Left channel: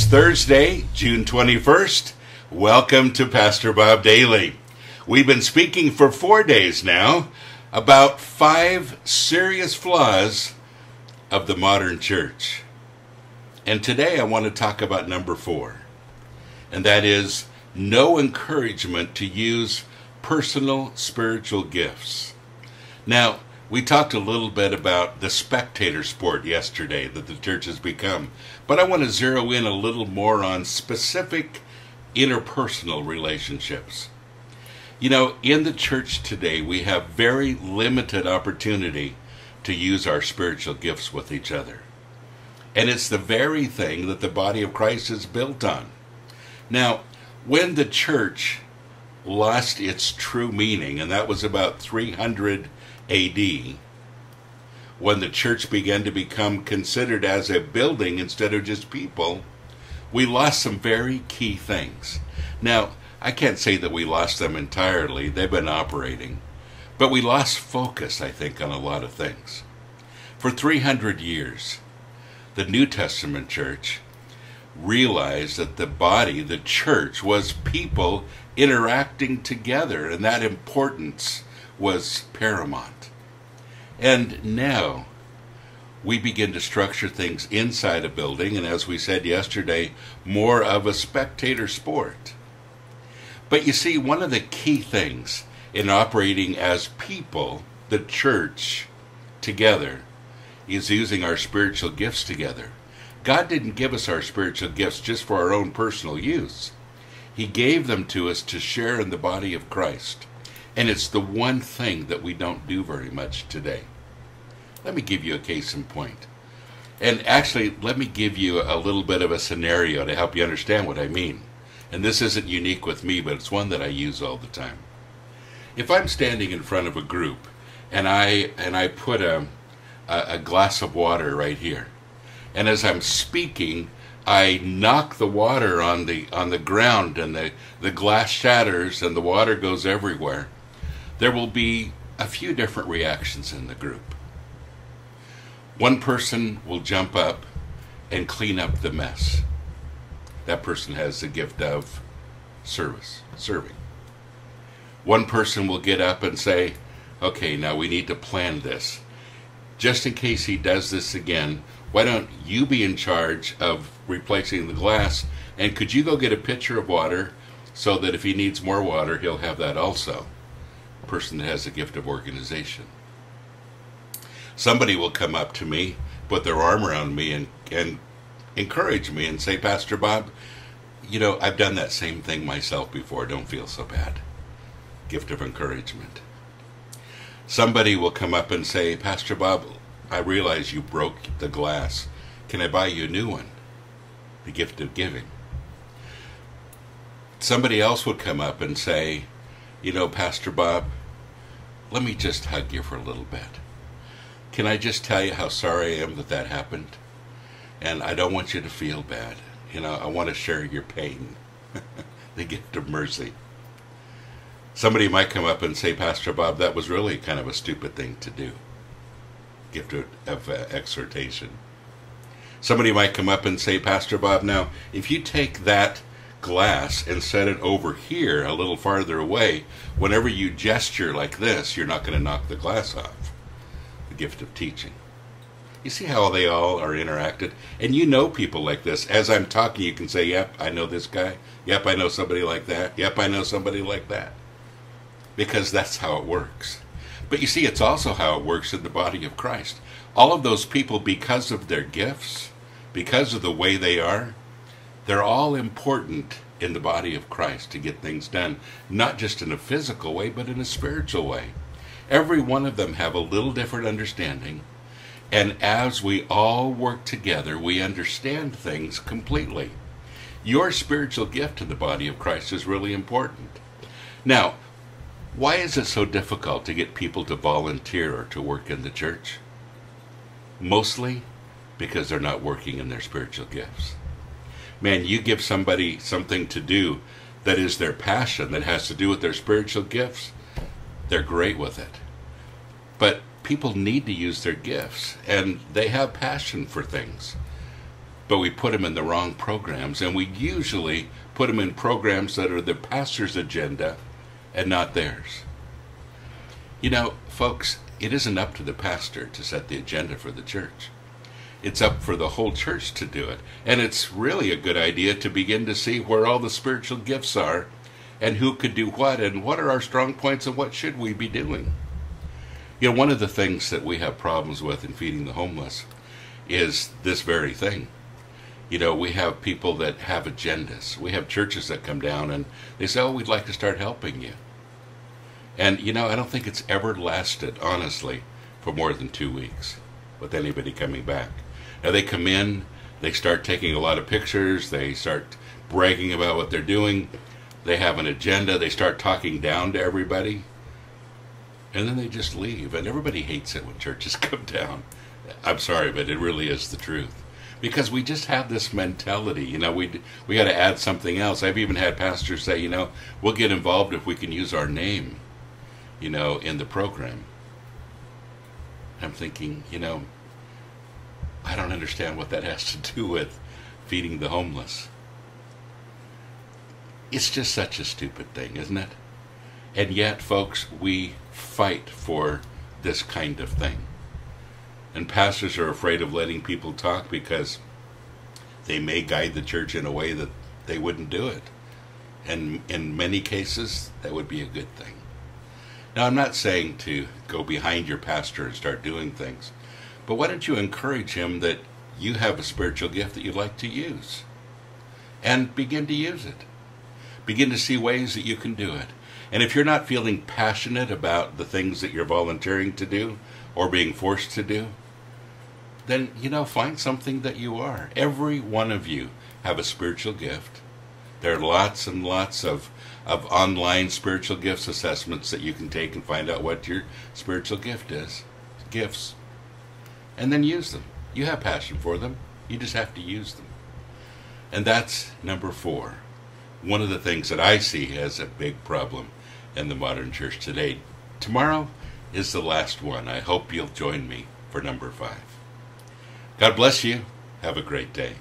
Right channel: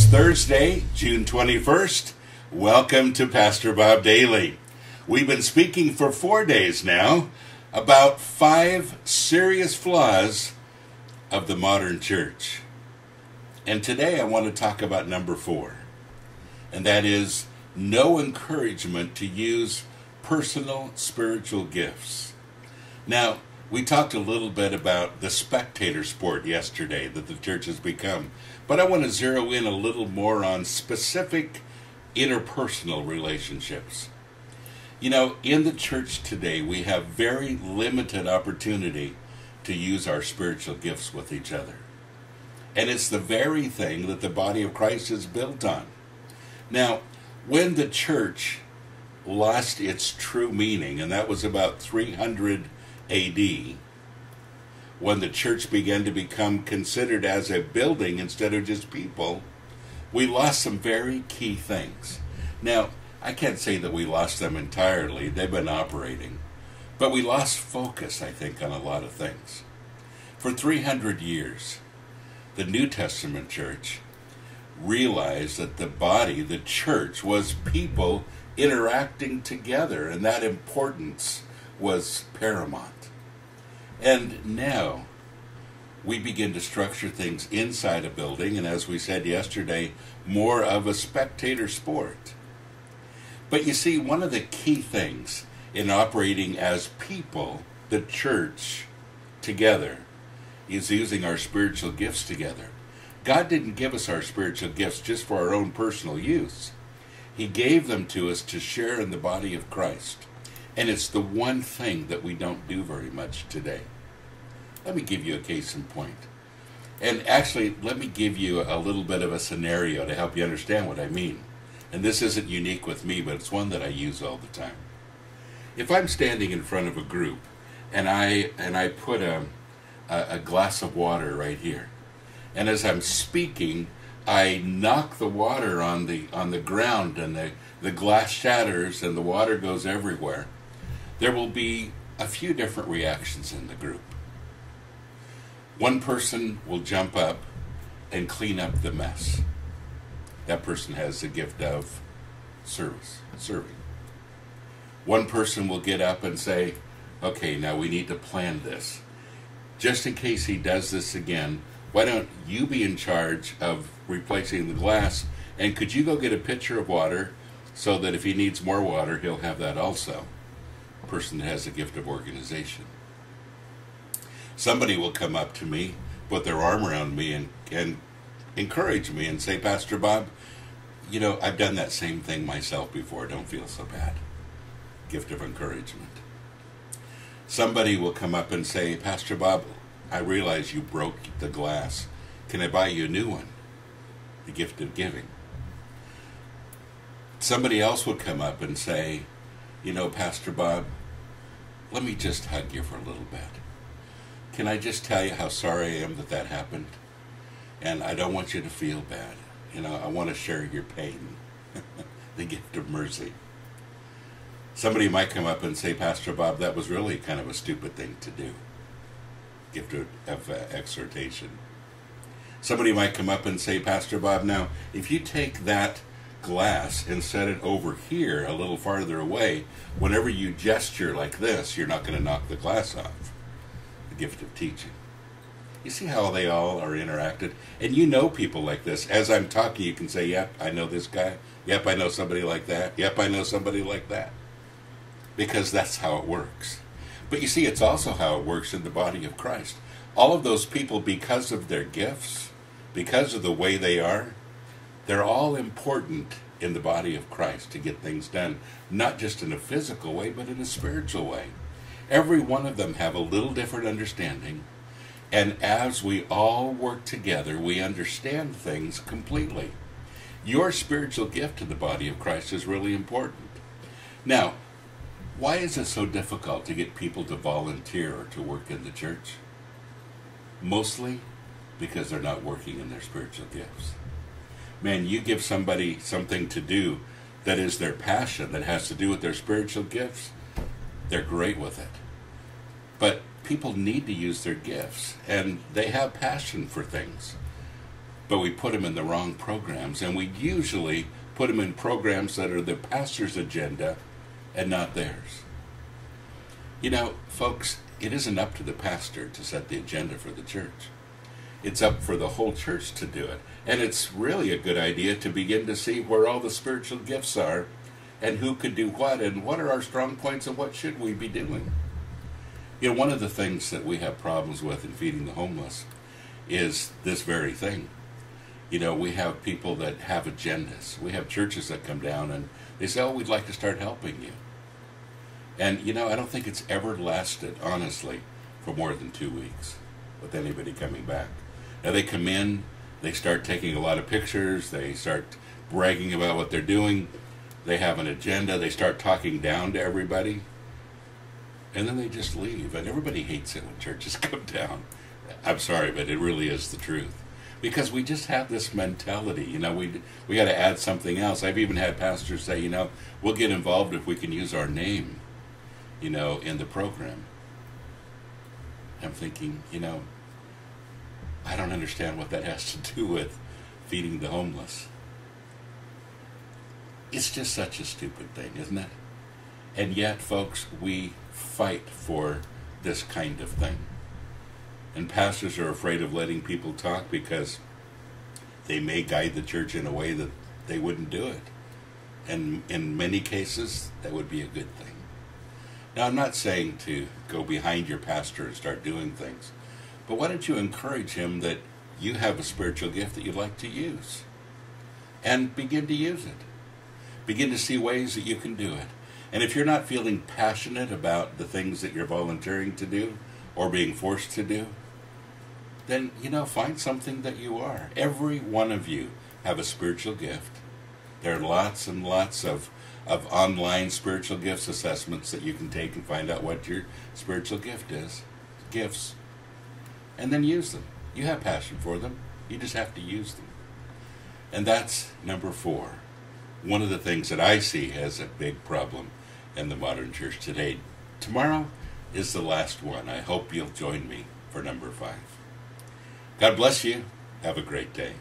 It's Thursday, June 21st. Welcome to Pastor Bob Daily. We've been speaking for 4 days now about 5 serious flaws of the modern church. And today I want to talk about number 4. And that is no encouragement to use personal spiritual gifts. Now, we talked a little bit about the spectator sport yesterday that the church has become, but I want to zero in a little more on specific interpersonal relationships. You know, in the church today, we have very limited opportunity to use our spiritual gifts with each other. And it's the very thing that the body of Christ is built on. Now, when the church lost its true meaning, and that was about 300 AD, when the church began to become considered as a building instead of just people, we lost some very key things. Now, I can't say that we lost them entirely. They've been operating. But we lost focus, I think, on a lot of things. For 300 years, the New Testament church realized that the body, the church, was people interacting together, and that importance was paramount. And now we begin to structure things inside a building, and as we said yesterday, more of a spectator sport. But you see, one of the key things in operating as people, the church, together, is using our spiritual gifts together. God didn't give us our spiritual gifts just for our own personal use. He gave them to us to share in the body of Christ. And it's the one thing that we don't do very much today. Let me give you a case in point. And actually, let me give you a little bit of a scenario to help you understand what I mean. And this isn't unique with me, but it's one that I use all the time. If I'm standing in front of a group and I put a glass of water right here, and as I'm speaking, I knock the water on the ground, and the glass shatters and the water goes everywhere, there will be a few different reactions in the group. One person will jump up and clean up the mess. That person has the gift of serving. One person will get up and say, okay, now we need to plan this. Just in case he does this again, why don't you be in charge of replacing the glass, and could you go get a pitcher of water so that if he needs more water, he'll have that also. A person that has the gift of organization. Somebody will come up to me, put their arm around me, and encourage me and say, Pastor Bob, you know, I've done that same thing myself before. Don't feel so bad. Gift of encouragement. Somebody will come up and say, Pastor Bob, I realize you broke the glass. Can I buy you a new one? The gift of giving. Somebody else would come up and say, you know, Pastor Bob, let me just hug you for a little bit. Can I just tell you how sorry I am that that happened? And I don't want you to feel bad. You know, I want to share your pain. The gift of mercy. Somebody might come up and say, Pastor Bob, that was really kind of a stupid thing to do. Gift of exhortation. Somebody might come up and say, Pastor Bob, now, if you take that glass and set it over here a little farther away, whenever you gesture like this, you're not going to knock the glass off. The gift of teaching. You see how they all are interacted? And you know people like this. As I'm talking, you can say, yep, I know this guy. Yep, I know somebody like that. Yep, I know somebody like that. Because that's how it works. But you see, it's also how it works in the body of Christ. All of those people, because of their gifts, because of the way they are, they're all important in the body of Christ to get things done, not just in a physical way, but in a spiritual way. Every one of them have a little different understanding, and as we all work together, we understand things completely. Your spiritual gift in the body of Christ is really important. Now, why is it so difficult to get people to volunteer or to work in the church? Mostly because they're not working in their spiritual gifts. Man, you give somebody something to do that is their passion, that has to do with their spiritual gifts, they're great with it. But people need to use their gifts, and they have passion for things. but we put them in the wrong programs, and we usually put them in programs that are the pastor's agenda and not theirs. You know, folks, it isn't up to the pastor to set the agenda for the church. It's up for the whole church to do it. And it's really a good idea to begin to see where all the spiritual gifts are and who could do what and what are our strong points and what should we be doing. You know, one of the things that we have problems with in feeding the homeless is this very thing. You know, we have people that have agendas. We have churches that come down and they say, oh, we'd like to start helping you. And, you know, I don't think it's ever lasted, honestly, for more than 2 weeks with anybody coming back. Now, they come in, they start taking a lot of pictures, they start bragging about what they're doing, they have an agenda, they start talking down to everybody, and then they just leave. And everybody hates it when churches come down. I'm sorry, but it really is the truth. Because we just have this mentality, you know, we got to add something else. I've even had pastors say, you know, we'll get involved if we can use our name, you know, in the program. I'm thinking, you know, I don't understand what that has to do with feeding the homeless. It's just such a stupid thing, isn't it? And yet, folks, we fight for this kind of thing. And pastors are afraid of letting people talk because they may guide the church in a way that they wouldn't do it. And in many cases, that would be a good thing. Now, I'm not saying to go behind your pastor and start doing things, but why don't you encourage him that you have a spiritual gift that you'd like to use? And begin to use it. Begin to see ways that you can do it. And if you're not feeling passionate about the things that you're volunteering to do or being forced to do, then, you know, find something that you are. Every one of you have a spiritual gift. There are lots and lots of online spiritual gifts assessments that you can take and find out what your spiritual gift is. Gifts. And then use them. You have passion for them. You just have to use them. And that's number 4. One of the things that I see as a big problem in the modern church today. Tomorrow is the last one. I hope you'll join me for number 5. God bless you. Have a great day.